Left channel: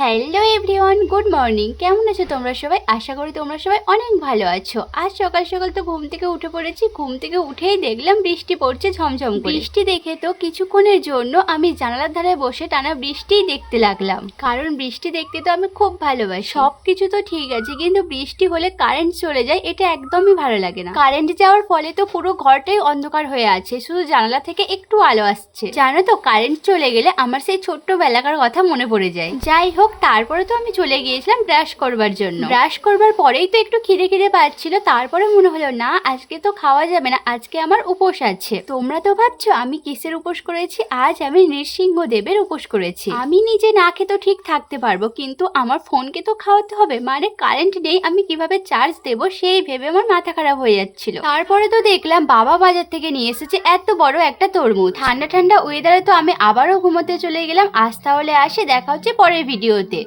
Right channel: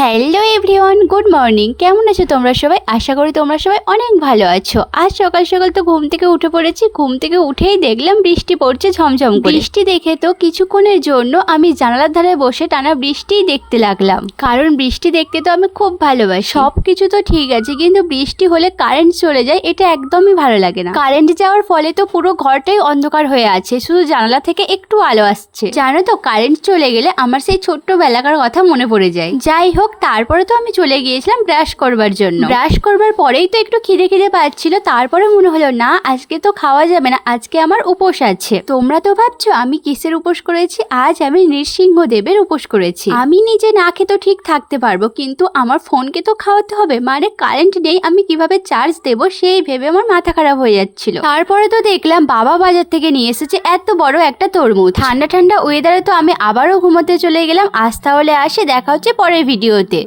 Hello everyone, good morning. কেমন আছো তোমরা সবাই? আশা করি তোমরা সবাই অনেক ভালো আছো। আজ সকাল সকাল তো ঘুম থেকে উঠে পড়েছি। ঘুম থেকে উঠেই দেখলাম বৃষ্টি পড়ছে ঝমঝম করে। বৃষ্টি দেখে তো কিছুক্ষণের জন্য আমি জানালার ধারে বসে টানা বৃষ্টিই দেখতে লাগলাম, কারণ বৃষ্টি দেখতে তো আমি খুব ভালোবাসি। সব কিছু তো ঠিক আছে, কিন্তু বৃষ্টি হলে কারেন্ট চলে যায়, এটা একদমই ভালো লাগে না। কারেন্ট যাওয়ার ফলে তো পুরো ঘরটাই অন্ধকার হয়ে আছে, শুধু জানালা থেকে একটু আলো আসছে। জানো তো, কারেন্ট চলে গেলে আমার সেই ছোট্টবেলাকার কথা মনে পড়ে যায়। যাই হোক, তারপরে তো আমি চলে গিয়েছিলাম ব্রাশ করবার জন্য। ব্রাশ করবার পরেই তো একটু খিদে খিদে পাচ্ছিল, তারপরে মনে হলো না, আজকে তো খাওয়া যাবে না, আজকে আমার উপোস আছে। তোমরা তো ভাবছো আমি কিসের উপোস করেছি? আজ আমি নৃসিংহদেবের উপোস করেছি। আমি নিজে না খেতে ঠিক থাকতে পারবো, কিন্তু আমার ফোনকে তো খাওয়াতে হবে। মানে কারেন্ট নেই, আমি কিভাবে চার্জ দেবো সেই ভেবে আমার মাথা খারাপ হয়ে যাচ্ছিল। তারপরে তো দেখলাম বাবা বাজার থেকে নিয়ে এসেছে এত বড় একটা তরমুজ। ঠান্ডা ঠান্ডা ওয়েদারে তো আমি আবারও ঘুমোতে চলে গেলাম। আজ তাহলে আসি, দেখা হচ্ছে পরের ভিডিওতে।